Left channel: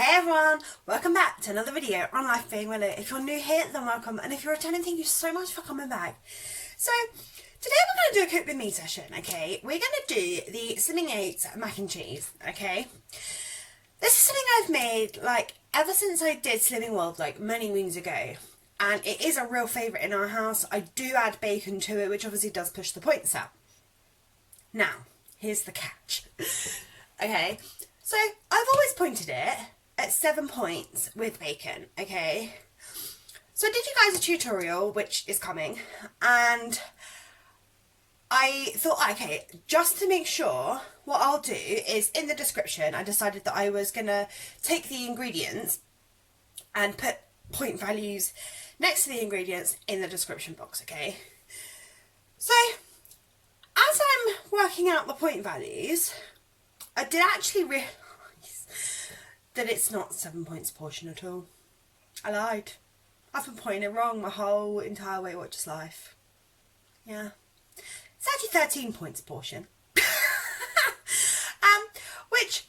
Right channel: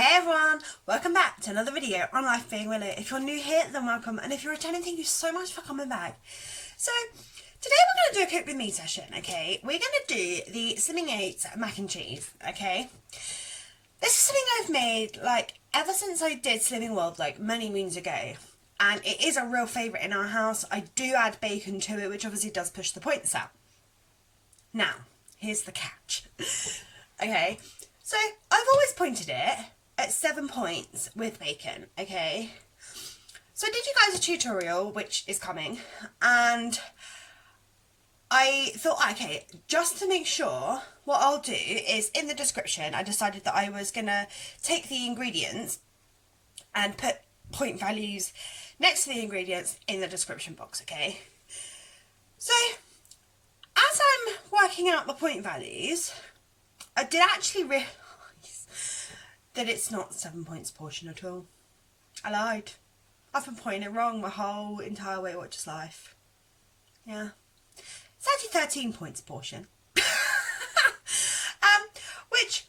Hey everyone, welcome back to another video on Life Being Willow. If you're new here, then welcome, and if you're returning, thank you so much for coming back. So, today we're going to do a cook with me session, okay? We're going to do the Slimming Oats mac and cheese, okay? This is something I've made, ever since I did Slimming World, many moons ago. And it is a real favourite in our house. I do add bacon to it, which obviously does push the points up. Now, here's the catch. Okay, so I've always pointed it at 7 points with bacon, okay? So I did you guys a tutorial, which is coming, and I thought, okay, just to make sure, what I'll do is in the description, I decided that I was gonna take the ingredients and put point values next to the ingredients in the description box, okay? So, as I'm working out the point values, I did actually realise that it's not 7 points portion at all. I lied. I've been pointing it wrong my whole entire Weight Watchers life. Yeah. It's actually 13 points portion. Which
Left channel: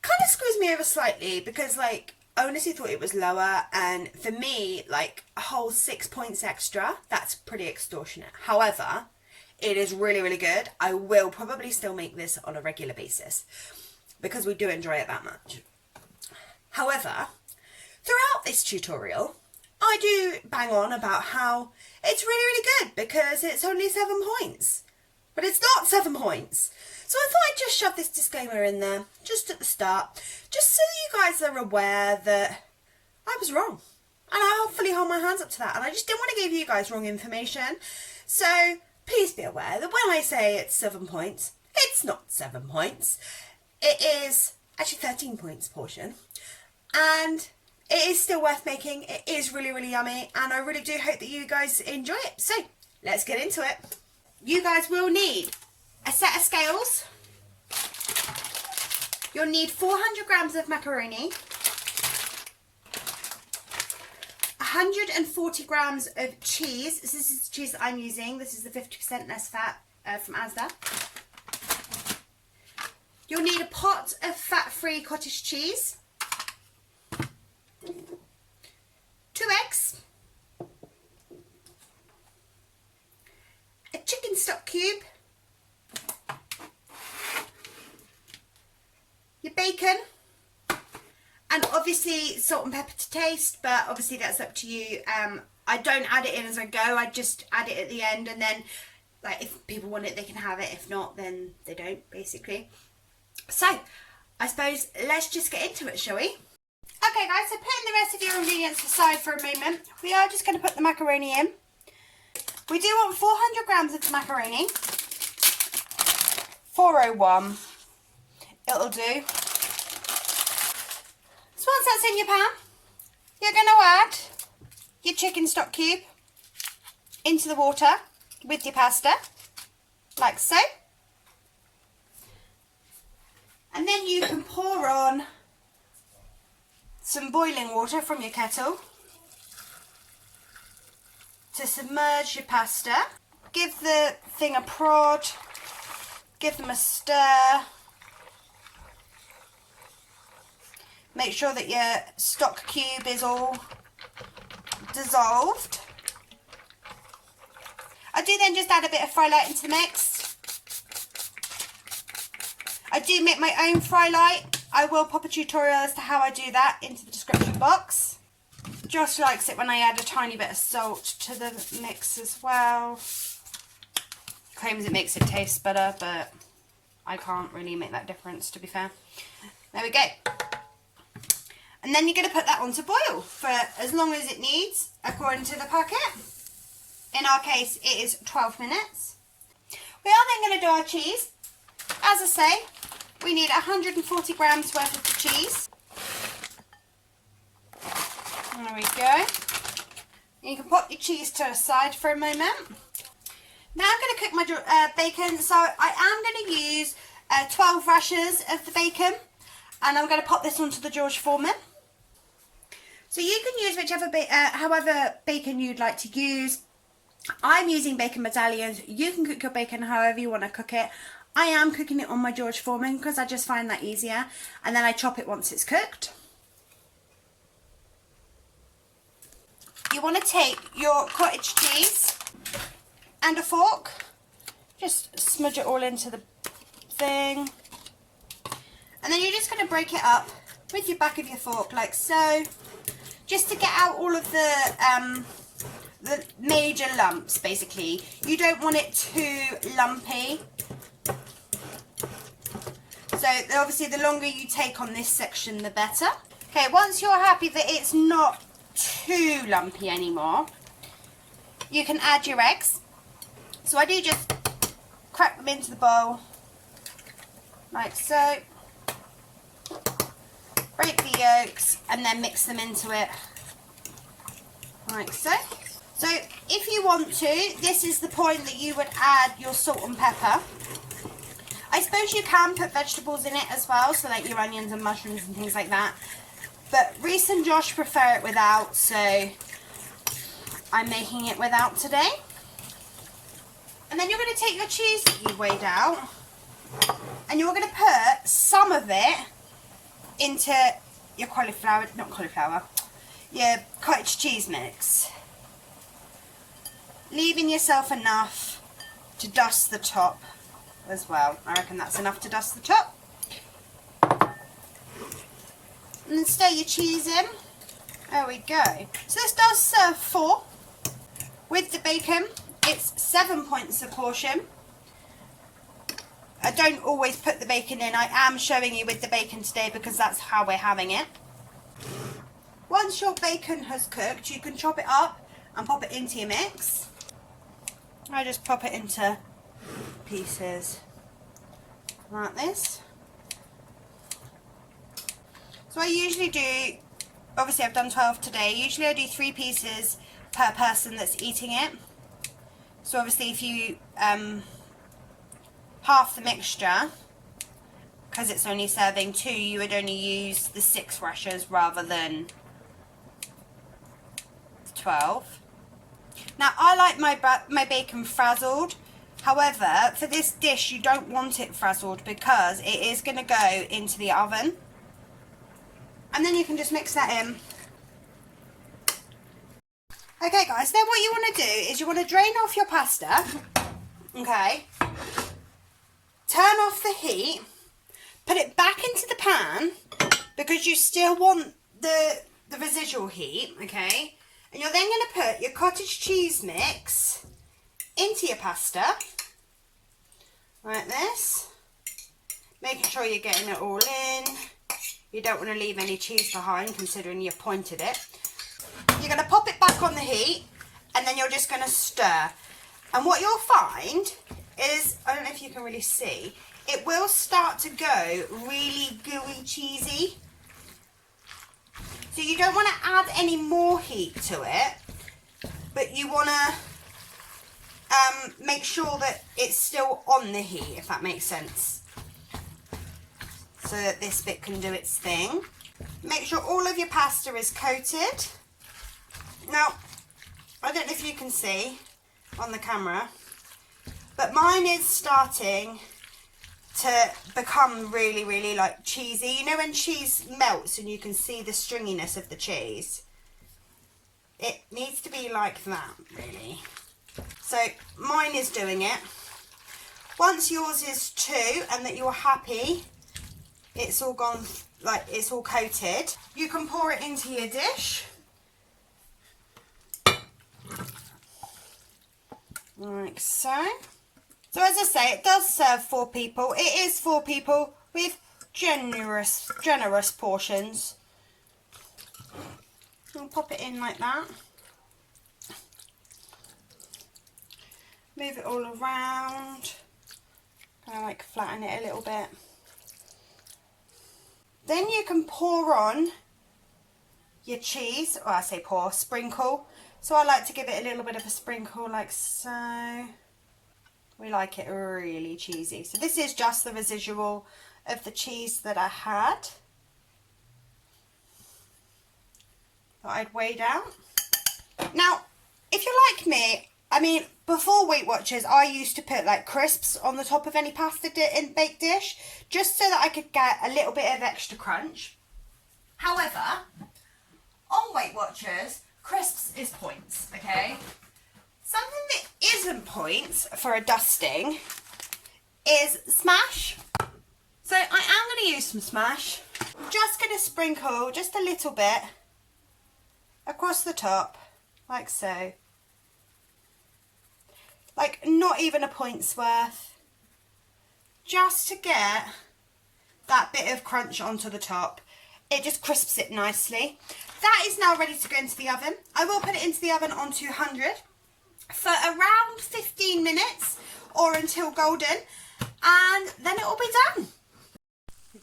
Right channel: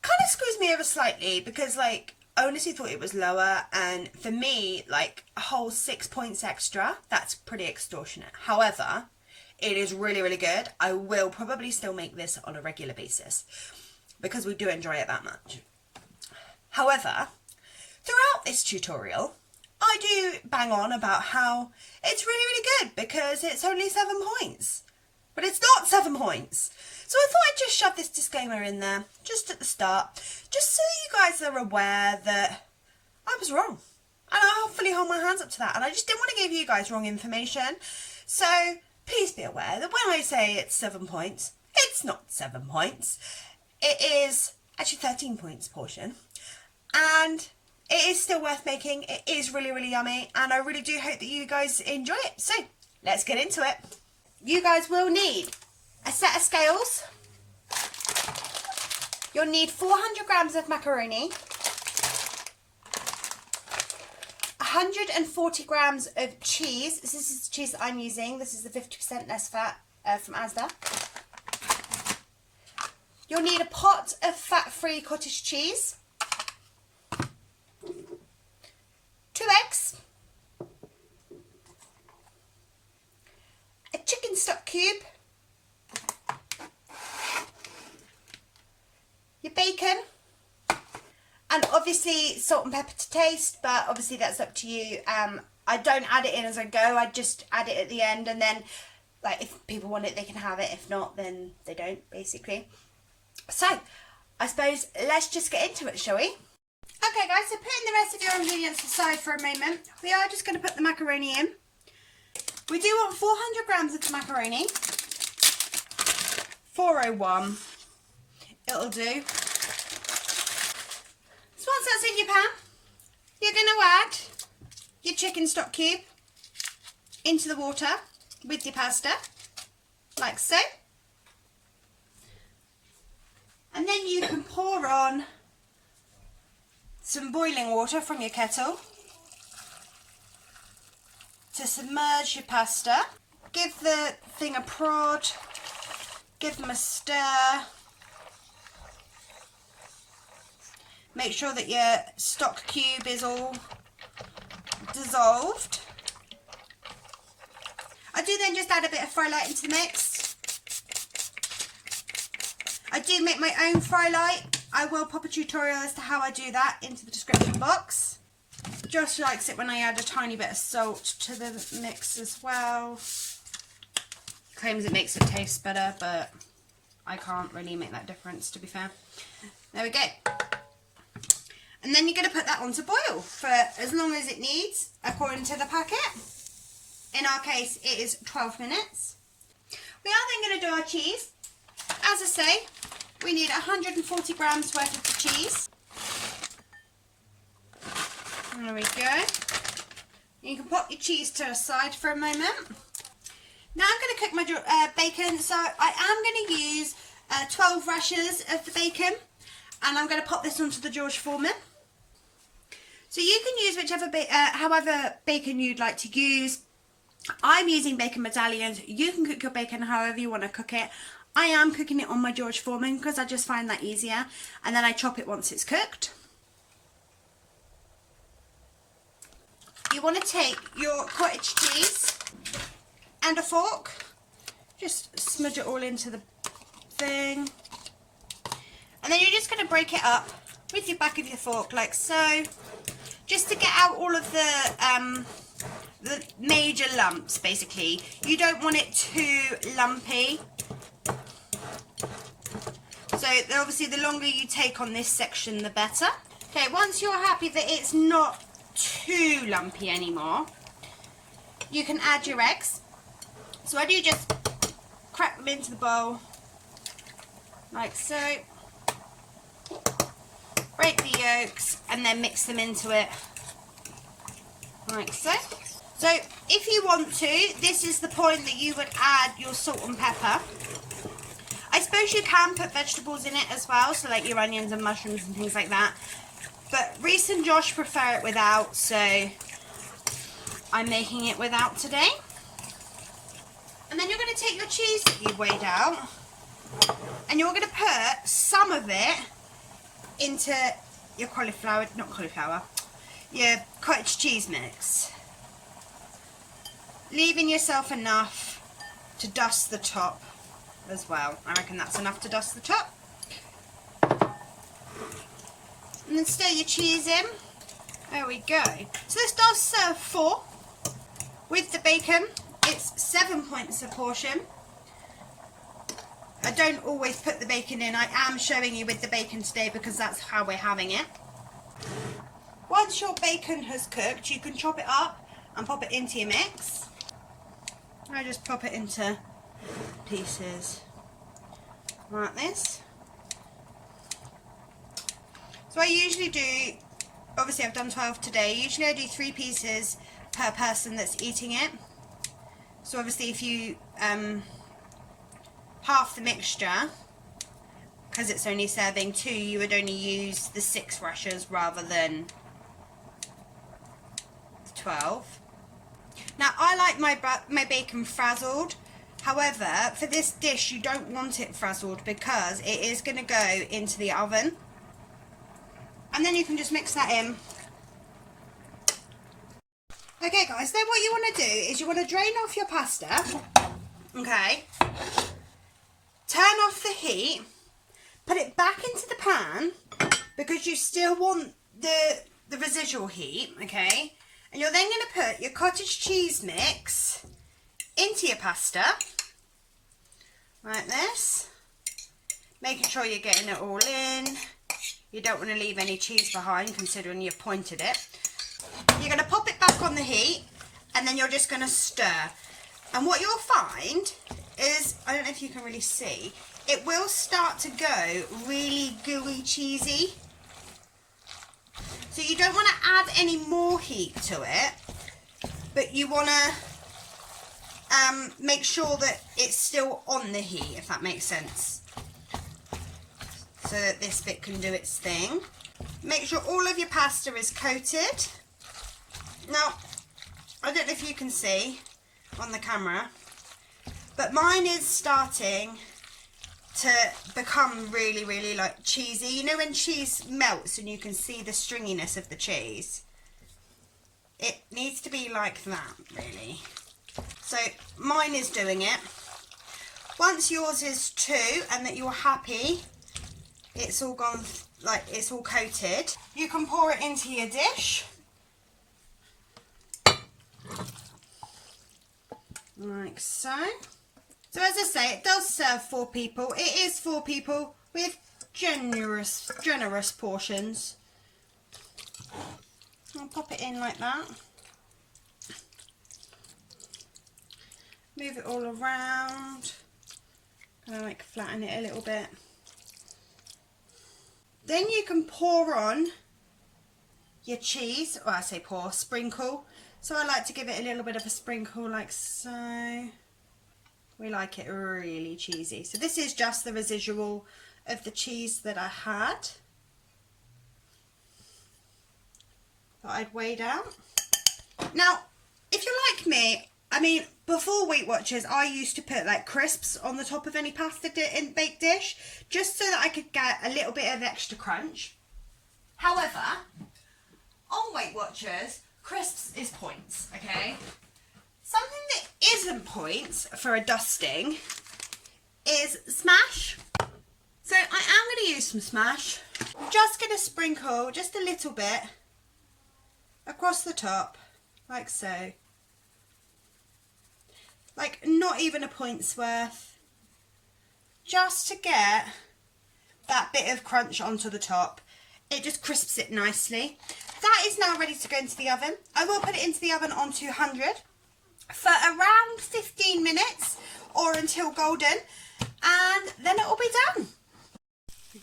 kind of screws me over slightly because, I honestly thought it was lower, and for me, a whole 6 points extra, that's pretty extortionate. However, it is really, really good. I will probably still make this on a regular basis because we do enjoy it that much. However, throughout this tutorial, I do bang on about how it's really, really good because it's only 7 points. But it's not 7 points. So I thought I'd just shove this disclaimer in there, just at the start, just so that you guys are aware that I was wrong. And I hopefully hold my hands up to that. And I just didn't want to give you guys wrong information. So please be aware that when I say it's 7 points, it's not 7 points. It is actually 13 points portion. And it is still worth making. It is really, really yummy. And I really do hope that you guys enjoy it. So let's get into it. You guys will need a set of scales. You'll need 400 grams of macaroni. 140 grams of cheese. This is the cheese that I'm using. This is the 50% less fat from Asda. You'll need a pot of fat-free cottage cheese. 2 eggs. A chicken stock cube. Your bacon. And obviously salt and pepper to taste, but obviously that's up to you. I don't add it in as I go. I just add it at the end, and then if people want it, they can have it. If not, then they don't, basically. So I suppose let's just get into it, shall we? Okay guys, so putting the rest of your ingredients aside for a moment, we are just going to put the macaroni in. We do want 400 grams of macaroni. 401. It'll do. So once that's in your pan, you're going to add your chicken stock cube into the water with your pasta, like so. And then you can pour on some boiling water from your kettle to submerge your pasta. Give the thing a prod, give them a stir. Make sure that your stock cube is all dissolved. I do then just add a bit of fry light into the mix. I do make my own fry light. I will pop a tutorial as to how I do that into the description box. Just likes it when I add a tiny bit of salt to the mix as well. Claims it makes it taste better, but I can't really make that difference, to be fair. There we go. And then you're going to put that on to boil for as long as it needs, according to the packet. In our case, it is 12 minutes. We are then going to do our cheese. As I say, we need 140 grams worth of the cheese. There we go. You can put your cheese to the side for a moment. Now I'm going to cook my bacon. So I am going to use 12 rashers of the bacon. And I'm going to pop this onto the George Foreman. So you can use whichever, however bacon you'd like to use. I'm using bacon medallions. You can cook your bacon however you want to cook it. I am cooking it on my George Foreman because I just find that easier, and then I chop it once it's cooked. you want to take your cottage cheese and a fork, just smudge it all into the thing, and then you're just going to break it up with your back of your fork like so, just to get out all of the major lumps. Basically, you don't want it too lumpy, so obviously the longer you take on this section the better. Okay, once you're happy that it's not too lumpy anymore, you can add your eggs. So I do just crack them into the bowl like so, break the yolks and then mix them into it like so. So if you want to, this is the point that you would add your salt and pepper. I suppose you can put vegetables in it as well, so like your onions and mushrooms and things like that, but Reese and Josh prefer it without, so I'm making it without today. And then you're going to take your cheese that you've weighed out, and you're going to put some of it into your your cottage cheese mix, leaving yourself enough to dust the top as well. I reckon that's enough to dust the top. And then stir your cheese in. There we go. So this does serve 4. With the bacon, it's 7 points a portion. I don't always put the bacon in. I am showing you with the bacon today because that's how we're having it. Once your bacon has cooked, you can chop it up and pop it into your mix. I just pop it into pieces like this. So I usually do, obviously I've done 12 today, usually I do 3 pieces per person that's eating it. So obviously if you half the mixture, because it's only serving 2, you would only use the 6 rashers rather than 12. Now I like my bacon frazzled. However, for this dish you don't want it frazzled because it is going to go into the oven. And then you can just mix that in. Okay guys, then what you want to do is you want to drain off your pasta. Okay. Turn off the heat. Put it back into the pan because you still want the residual heat, okay? And you're then going to put your cottage cheese mix into your pasta, like this. Making sure you're getting it all in. You don't want to leave any cheese behind considering you've pointed it. You're going to pop it back on the heat and then you're just going to stir. And what you'll find is, I don't know if you can really see, it will start to go really gooey cheesy. So you don't want to add any more heat to it, but you want to make sure that it's still on the heat, if that makes sense, so that this bit can do its thing. Make sure all of your pasta is coated. Now, I don't know if you can see on the camera, but mine is starting to become really, really like cheesy. You know when cheese melts and you can see the stringiness of the cheese? It needs to be like that, really. So mine is doing it. Once yours is too, and that you're happy, it's all gone, like it's all coated, you can pour it into your dish. Like so. So as I say, it does serve 4 people. It is 4 people with generous portions. I'll pop it in like that. Move it all around. Kind of like flatten it a little bit. Then you can pour on your cheese, or I say pour, sprinkle. So I like to give it a little bit of a sprinkle like so. We like it really cheesy. So this is just the residual of the cheese that I had, that I'd weighed out. Now, if you're like me, I mean, before Weight Watchers, I used to put like crisps on the top of any pasta in baked dish, just so that I could get a little bit of extra crunch. However, on Weight Watchers, crisps is points, okay? Something that isn't points for a dusting is Smash. So I am going to use some Smash. I'm just going to sprinkle just a little bit across the top, like so. Like not even a point's worth. Just to get that bit of crunch onto the top. It just crisps it nicely. That is now ready to go into the oven. I will put it into the oven on 200 for around 15 minutes or until golden, and then it will be done.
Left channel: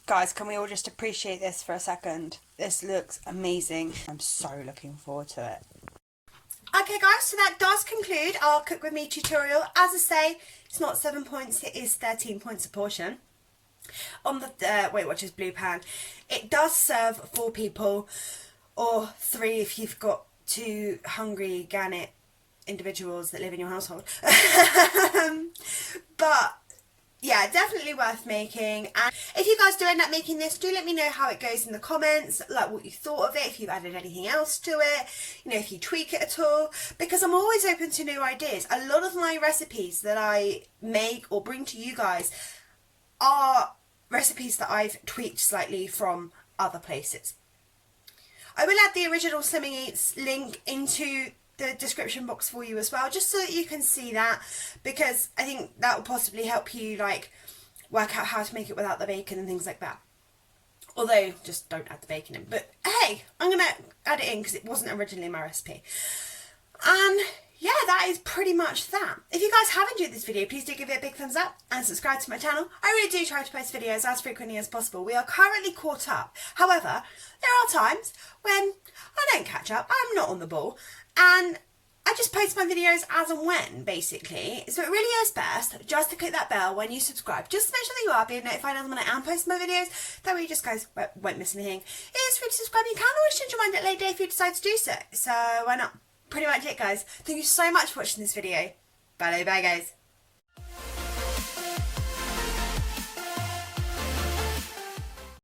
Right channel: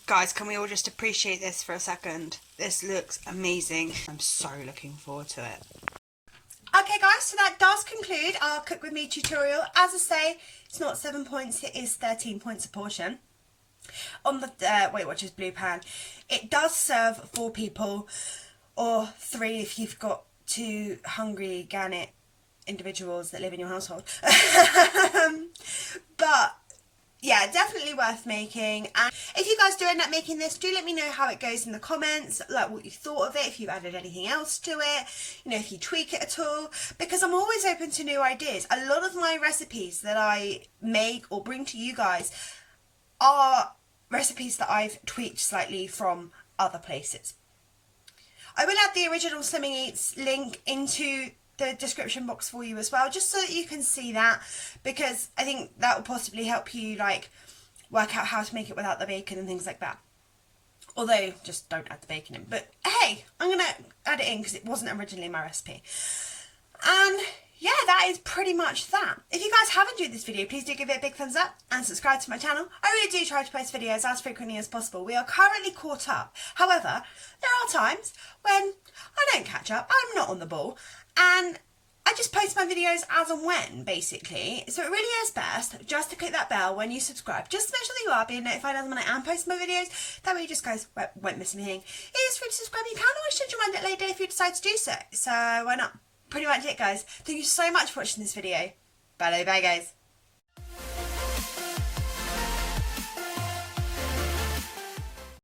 Guys, can we all just appreciate this for a second? This looks amazing. I'm so looking forward to it. Okay guys, so that does conclude our Cook With Me tutorial. As I say, it's not 7 points, it is 13 points a portion. On the Weight Watchers Blue Pan, it does serve 4 people, or 3 if you've got 2 hungry gannet individuals that live in your household. But yeah, definitely worth making. And if you guys do end up making this, do let me know how it goes in the comments, like what you thought of it, if you've added anything else to it, you know, if you tweak it at all, because I'm always open to new ideas. A lot of my recipes that I make or bring to you guys are recipes that I've tweaked slightly from other places. I will add the original Slimming Eats link into the description box for you as well, just so that you can see that, because I think that will possibly help you like work out how to make it without the bacon and things like that. Although just don't add the bacon in, but hey, I'm gonna add it in because it wasn't originally my recipe. And yeah, that is pretty much that. If you guys have enjoyed this video, please do give it a big thumbs up and subscribe to my channel. I really do try to post videos as frequently as possible. We are currently caught up. However, there are times when I don't catch up, I'm not on the ball, and I just post my videos as and when, basically. So it really is best just to click that bell when you subscribe, just to make sure that you are being notified as when I am posting my videos. That way you just guys won't miss anything. It is free to subscribe. You can always change your mind at a later if you decide to do so. So why not? Pretty much it, guys. Thank you so much for watching this video. Bye guys.